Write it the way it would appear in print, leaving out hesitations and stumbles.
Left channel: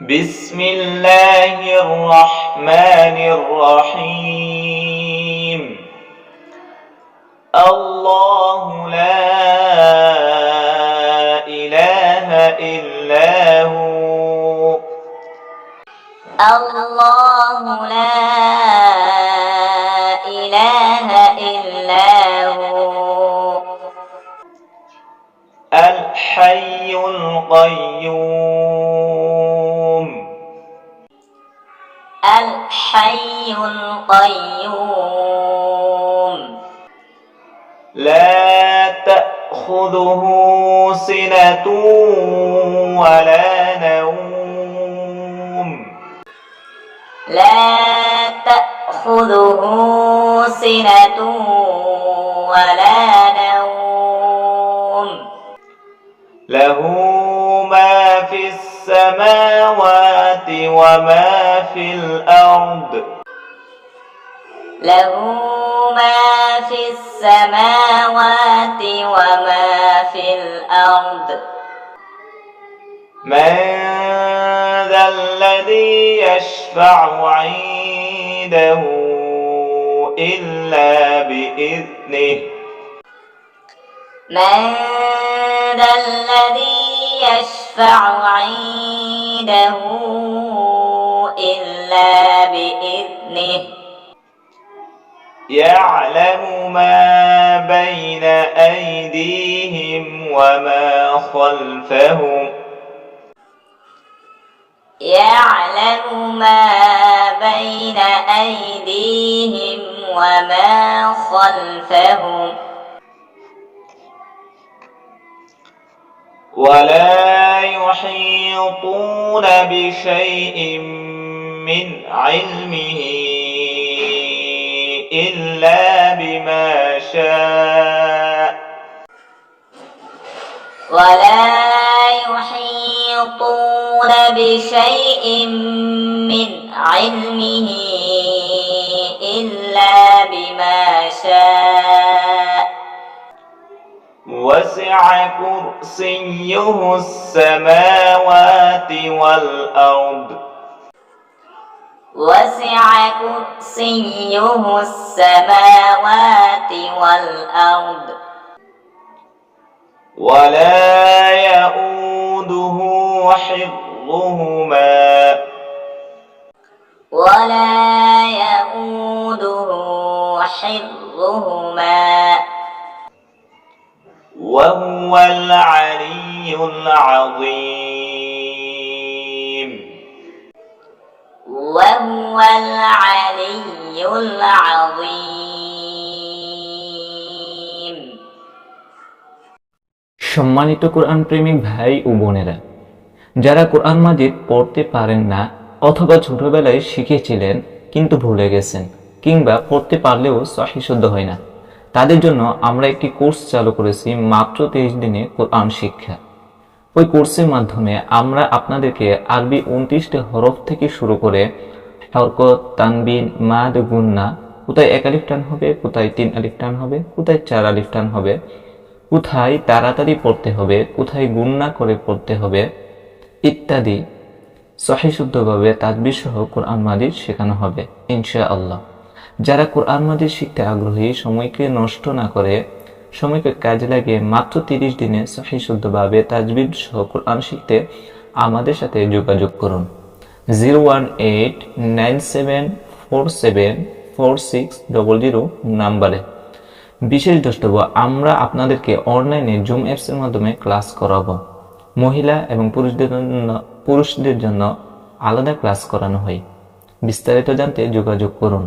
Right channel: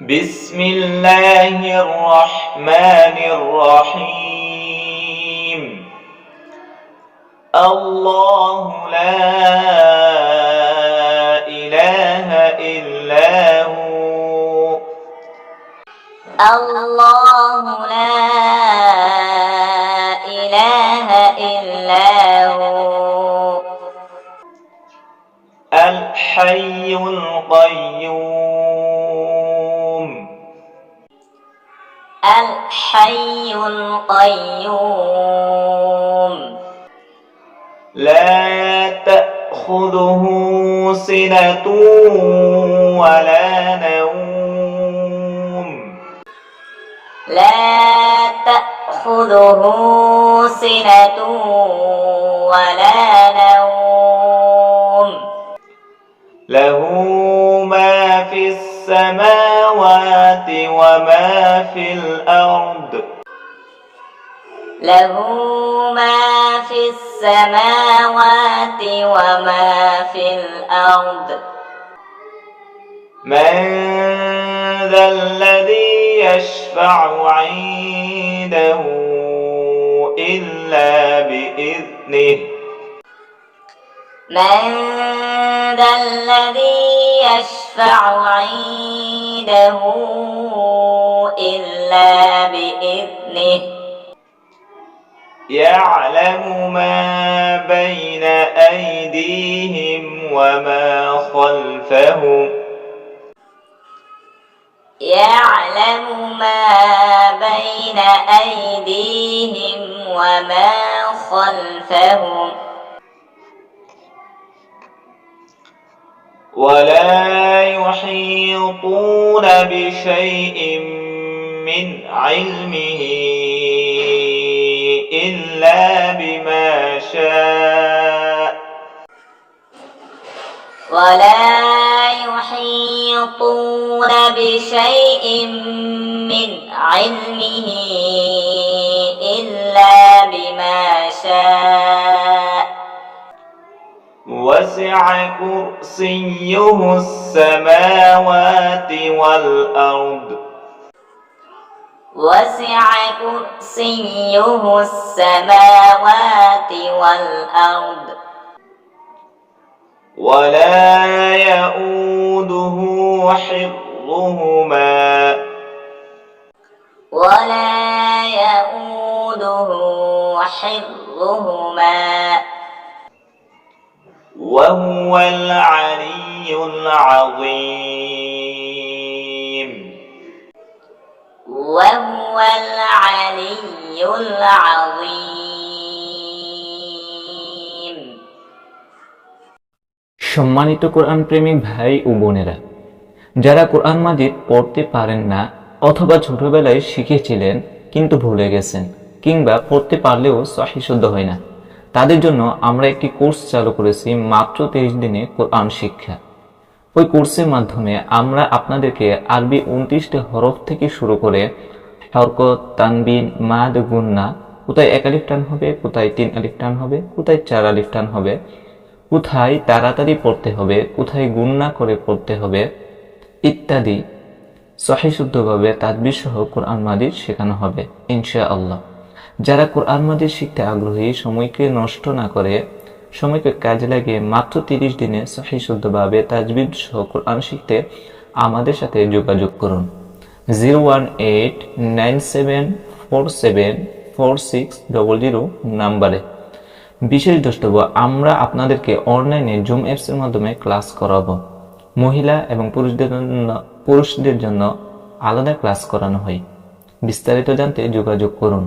بسم الله الرحمن الرحيم الله لا إله إلا هو الله لا إله إلا هو الحي القيوم الحي القيوم لا تأخذه سنة ولا نوم لا تأخذه سنة ولا نوم له ما في السماوات وما في الأرض له ما في السماوات وما في الأرض من ذا الذي يشفع عنده إلا بإذنه من ذا الذي يشفع عنده إلا بإذنه يعلم ما بين أيديهم وما خلفهم يعلم ما بين أيديهم وما خلفهم ولا يحيطون بشيء من علمه إلا بما شاء ولا يحيطون بشيء من علمه إلا بما شاء وسع كرسيه السماوات والأرض وسع كرسيه السماوات والأرض ولا يؤوده حفظهما ولا يؤوده حفظهما وهو العلي العظيم وهو العلي العظيم সম্মানিত কোরআন প্রেমিক ভাই ও বোনেরা, যারা কোরআন মাজিদ পড়তে পারেন না অথবা ছোটবেলায় শিখেছিলেন কিন্তু ভুলে গেছেন, কিংবা পড়তে পারলেও সহিহ শুদ্ধ হয় না, তাদের জন্য আমরা একটি কোর্স চালু করেছি, মাত্র 30 দিনে কোরআন শিক্ষা। ওই কোর্সের মাধ্যমে আমরা আপনাদেরকে আরবি 29টা হরফ থেকে শুরু করে হরকত, তানবিন, মাদ, গুন্না, কোথায় 1 আলিফ টান হবে, কোথায় 3 আলিফ টান হবে, কোথায় 4 আলিফ টান হবে, কোথায় তাড়াতাড়ি পড়তে হবে, কোথায় গুন্না করে পড়তে হবে ইত্যাদি সহিহ শুদ্ধভাবে তাজবিদ সহ কোরআন মাজিদ শেখানো হবে ইনশাআল্লাহ। যারা কোরআন মাজিদ শিখতে আগ্রহী, সময়কে নষ্ট না করে সময়কে কাজে লাগিয়ে মাত্র 30 দিনে সহিহ শুদ্ধভাবে তাজবিদ সহ কোরআন শিখতে আমাদের সাথে যোগাযোগ করুন 01897474600 নাম্বারে। বিশেষ দ্রষ্টব্য, আমরা আপনাদেরকে অনলাইনে জুম অ্যাপসের মাধ্যমে ক্লাস করাবো। মহিলা এবং পুরুষদের জন্য আলাদা ক্লাস করানো হয়। বিস্তারিত জানতে যোগাযোগ করুন।